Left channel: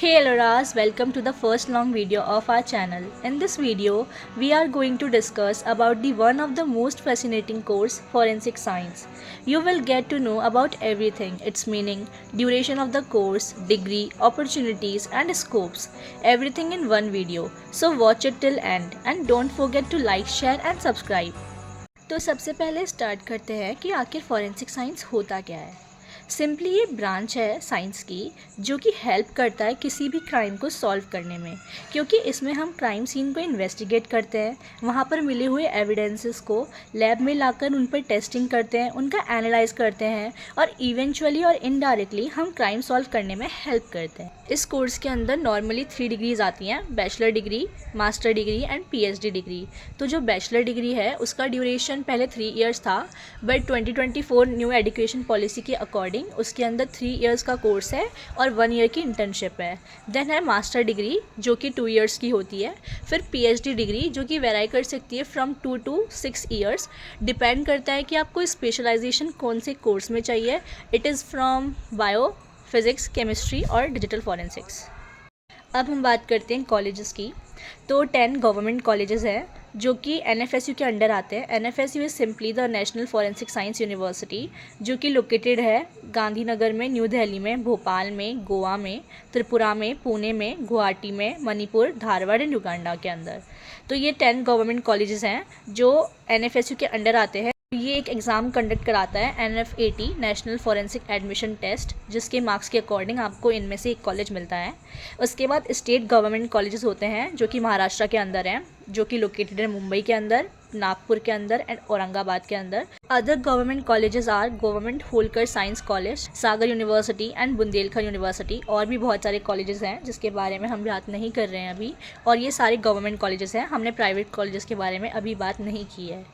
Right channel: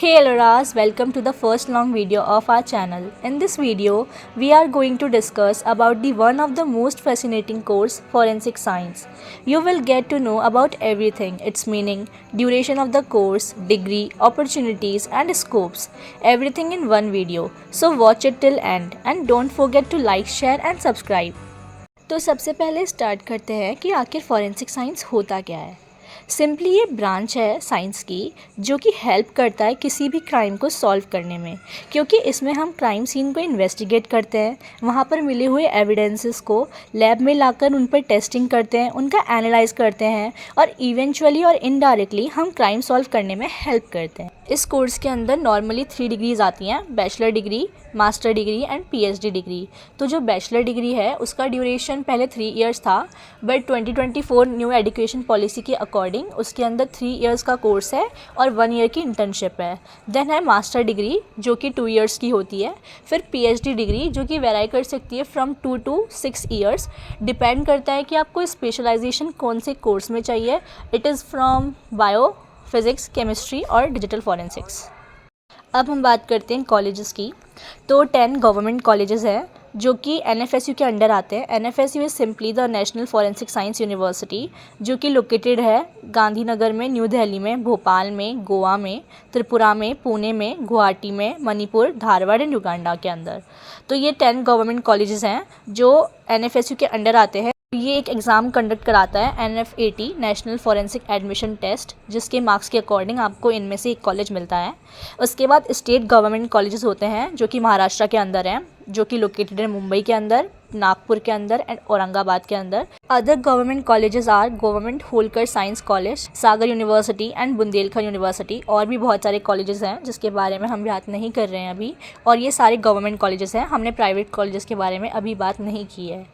Hey Aloras, welcome to the first long video of our channel. In this video, we are going to discuss about the one of the most fascinating course, forensic science. You will get to know about everything, its meaning, duration of the course, degree, opportunities and scopes, everything in one video. So watch it till end and don't forget to like, share and subscribe. तो सबसे पहले start करते हैं कि आखिर forensic science होता क्या है। सिंपली ये ब्रांच है साइंस की जो कि हेल्प करता है किसी भी क्राइम को सॉल्व करने में, क्योंकि इसमें हम क्राइम सीन को इन्वेस्टिगेट करते हैं, वहाँ पर मिले हुए एविडेंसेस को लैब में लाकर उन पर टेस्टिंग करते हैं, उनका एनालाइज करते हैं और इवेंचुअली और इनडायरेक्टली हम क्राइम सॉल्व करने में हेल्प करते हैं। इस कोर्स के अंदर नॉर्मली 3 डिग्रीज आती हैं, bachelor degree, master degree and PhD degree. तो जो बैचलर डिग्री है उसका ड्यूरेशन पहले 3 इयर्स था, बट 2024 न्यू एजुकेशन पॉलिसी के अकॉर्डिंग उसके अंदर 3 इयर्स का कोर्स है और 1 ईयर की इंटर्नशिप है। देन है मास्टर डिग्री जो कि 2 इयर्स की होती है। फिर पीएचडी डिग्री जो कि वेराई कर सकती है फ्रॉम 2 to 6 इयर्स, डिपेंड करता है कि आपको स्पेशलाइजेशन कौन से कोर्स में चाहिए। It is from bio, physics, chemistry और डिजिटल फॉरेंसिक्स। अब हम बात करते हैं कॉलेजेस की। तो 10 गवर्नमेंट कॉलेजेस हैं जो कि एनएफएसयू के अंडर आते हैं। NFSU is simply the national forensic science university, जो कि लोकेटेड है गांधीनगर में, न्यू दिल्ली में, भोपाल में, गोवा में, त्रिपुरा में, पुणे में, गुवाहाटी में, मणिपुर, धारवाड़ एंड युगांडा के अंदर। तो ये 10 गवर्नमेंट कॉलेजेस हैं जो एनएफएसयू के अंडर आते हैं। ये एक एग्ज़ाम कंडक्ट कराता है NFAT, national forensic admission test, जिसके मार्क्स के अकॉर्डिंग आपको इनमें से एक कॉलेज मिलता है। उसके बाद स्टेट गवर्नमेंट कॉलेजेस होते हैं जो कि महाराष्ट्र के अंदर हैं, जो कि लोकेटेड है मुंबई के अंदर, नागपुर के अंदर एंड औरंगाबाद के अंदर। Other government colleges are government Holkar science college, Sagar university and Bundelkhand university. और भी बहुत सारे कॉलेजेस हैं जिसके बारे में हम बात नहीं कर रहे हैं अभी, और ये सारे गवर्नमेंट कॉलेजेस हैं। हमने प्राइवेट कॉलेजेस के बारे में अभी बात नहीं की है।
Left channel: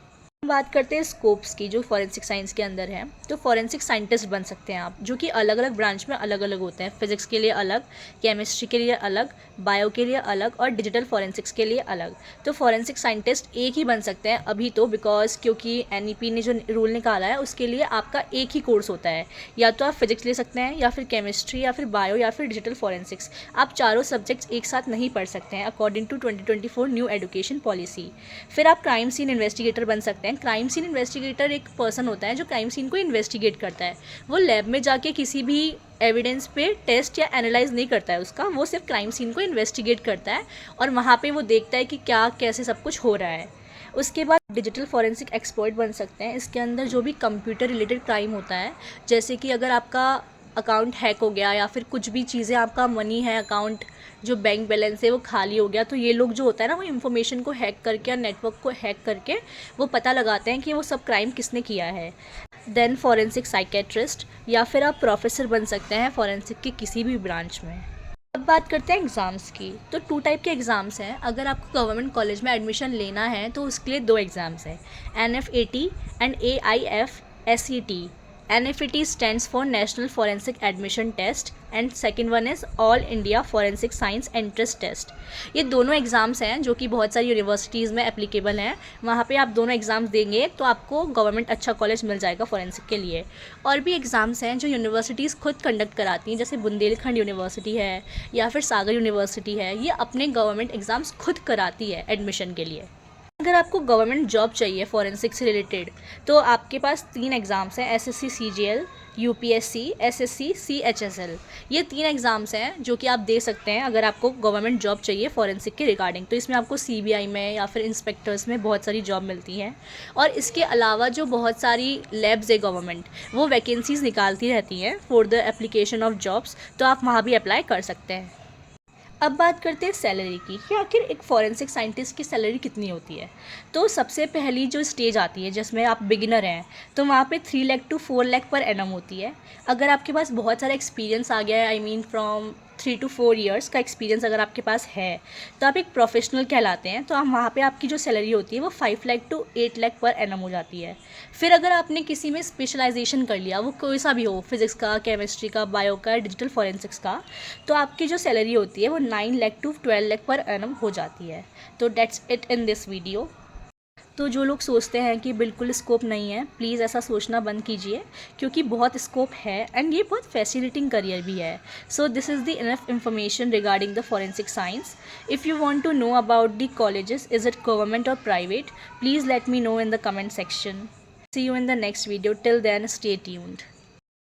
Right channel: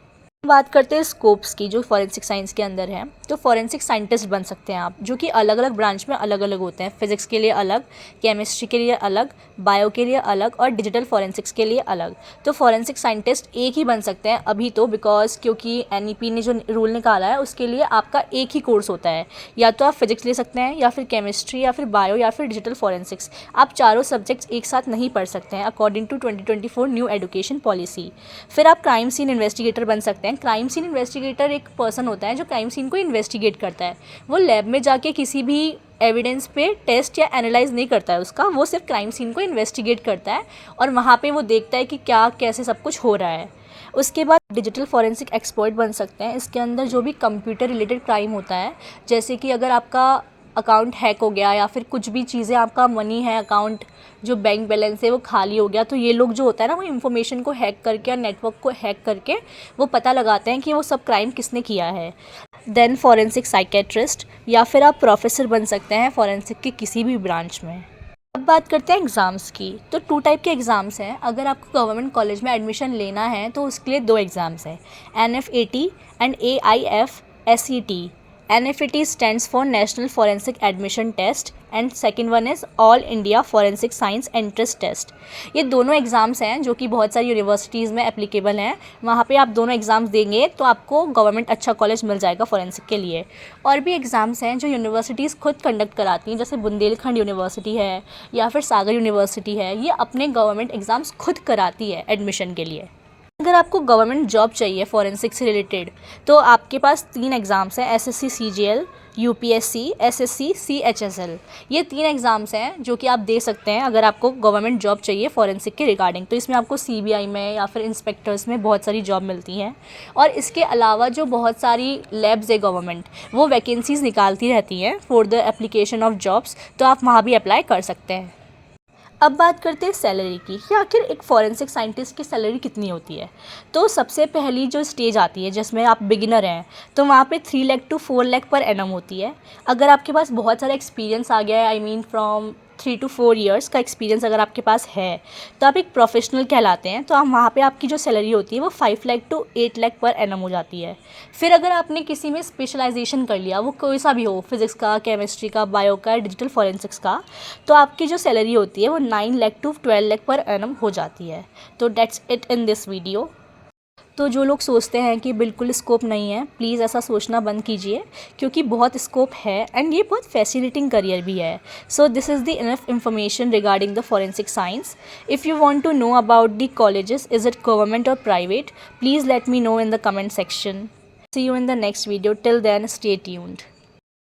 बात करते हैं स्कोप्स की जो फॉरेंसिक साइंस के अंदर है। तो फॉरेंसिक साइंटिस्ट बन सकते हैं आप, जो कि अलग अलग ब्रांच में अलग अलग होते हैं। फिजिक्स के लिए अलग, केमिस्ट्री के लिए अलग, बायो के लिए अलग और डिजिटल फॉरेंसिक्स के लिए अलग। तो फॉरेंसिक साइंटिस्ट एक ही बन सकते हैं अभी तो, बिकॉज क्योंकि एनईपी ने जो रूल निकाला है उसके लिए आपका एक ही कोर्स होता है। या तो आप फिजिक्स ले सकते हैं, या फिर केमिस्ट्री, या फिर बायो, या फिर डिजिटल फॉरेंसिक्स। आप चारों सब्जेक्ट्स एक साथ नहीं पढ़ सकते हैं according to 2024 new education policy. फिर आप क्राइम सीन इन्वेस्टिगेटर बन सकते हैं। क्राइम सीन इन्वेस्टिगेटर एक पर्सन होता है जो क्राइम सीन को इन्वेस्टिगेट करता है। वो लैब में जाके किसी भी एविडेंस पे टेस्ट या एनालाइज नहीं करता है उसका, वो सिर्फ क्राइम सीन को इन्वेस्टिगेट करता है और वहाँ पे वो देखता है कि क्या कैसे सब कुछ हो रहा है। उसके बाद डिजिटल फॉरेंसिक एक्सपर्ट बन सकते हैं। इसके अंदर जो भी कंप्यूटर रिलेटेड क्राइम होता है, जैसे कि अगर आपका अकाउंट हैक हो गया या फिर कुछ भी चीज़ें, आपका मनी है, अकाउंट जो बैंक बैलेंस है वो खाली हो गया, तो ये लोग जो होता है ना, वो इन्फॉर्मेशन को हैक करके और नेटवर्क को हैक करके वो पता लगाते हैं कि वो सब क्राइम किसने किया है। देन फॉरेंसिक साइकेट्रिस्ट, या फिर आप प्रोफेसर बन सकते हैं फॉरेंसिक की किसी भी ब्रांच में। अब बात करते हैं एग्ज़ाम्स की। तो 2 टाइप के एग्ज़ाम्स हैं। अगर आपको गवर्नमेंट कॉलेज में एडमिशन लेना है तो उसके लिए 2 एग्ज़ाम्स हैं, NFAT and AIFSET। NFAT stands for National Forensic Admission Test and second one is all India forensic science entrance test. ये दोनों एग्ज़ाम्स हैं जो कि बहुत सारी यूनिवर्सिटीज़ में एप्लीकेबल हैं। वहाँ पे आप दोनों एग्ज़ाम्स देंगे तो आपको गवर्नमेंट अच्छा कॉलेज मिल जाएगा फॉरेंसिक के लिए। और भी एग्ज़ाम्स हैं जो यूनिवर्सिटीज़ खुद कंडक्ट कराती हैं, जैसे बुंदेलखंड यूनिवर्सिटी है या फिर सागर यूनिवर्सिटी है। ये अपने गवर्नमेंट एग्ज़ाम्स खुद कराती है एडमिशन के लिए। अगर आपको गवर्नमेंट जॉब चाहिए फॉरेंसिक से रिलेटेड, तो आपके पास 3 एग्ज़ाम्स हैं, SSC CGL, UPSC SSC CHSL। ये 3 एग्ज़ाम्स हैं जो कि आप दे सकते हैं अगर आपको गवर्नमेंट जॉब चाहिए फॉरेंसिक के रिगार्डिंग। तो इसमें आपको CBI में या फिर इंस्पेक्टर्स में बहुत सारी जॉब मिलती हैं। और इसके अलावा जो बहुत सारी लैब्स है गवर्नमेंट, वो वैकेंसीज़ निकालती रहती हैं for the application of jobs, तो आप वहाँ भी अप्लाई कर सकते हैं। अब बात करते हैं सैलरी की, कि आखिर एक फॉरेंसिक साइंटिस्ट की सैलरी कितनी होती है। तो सबसे पहली जो स्टेज आती है जिसमें आप बिगिनर हैं, तो वहाँ पे 3 lakh to 4 lakh per annum होती है। अगर आपके पास बहुत सारा एक्सपीरियंस आ गया है, I mean from 3 to 4 years का एक्सपीरियंस अगर आपके पास है, तो आप एक प्रोफेशनल कहलाते हैं। तो आप वहाँ पे आपकी जो सैलरी होती है वो 5 lakh to 8 lakh per annum हो जाती है। फिर अगर आपने किसी में स्पेशलाइजेशन कर लिया, वो कोई सा भी हो, फिजिक्स का, केमिस्ट्री का, बायो का, डिजिटल फॉरेंसिक्स का, तो आपकी जो सैलरी होती है वो 9 lakh to 12 lakh per annum हो जाती है। तो that's it in this video. तो जो लोग सोचते हैं कि बिल्कुल स्कोप नहीं है, प्लीज़ ऐसा सोचना बंद कीजिए, क्योंकि बहुत स्कोप है एंड ये बहुत फैसिनेटिंग करियर भी है. So this is the enough information regarding the forensic science. If you want to know about the colleges, is it government और private, please let me know in the comment section. See you in the next video. Till then, stay tuned.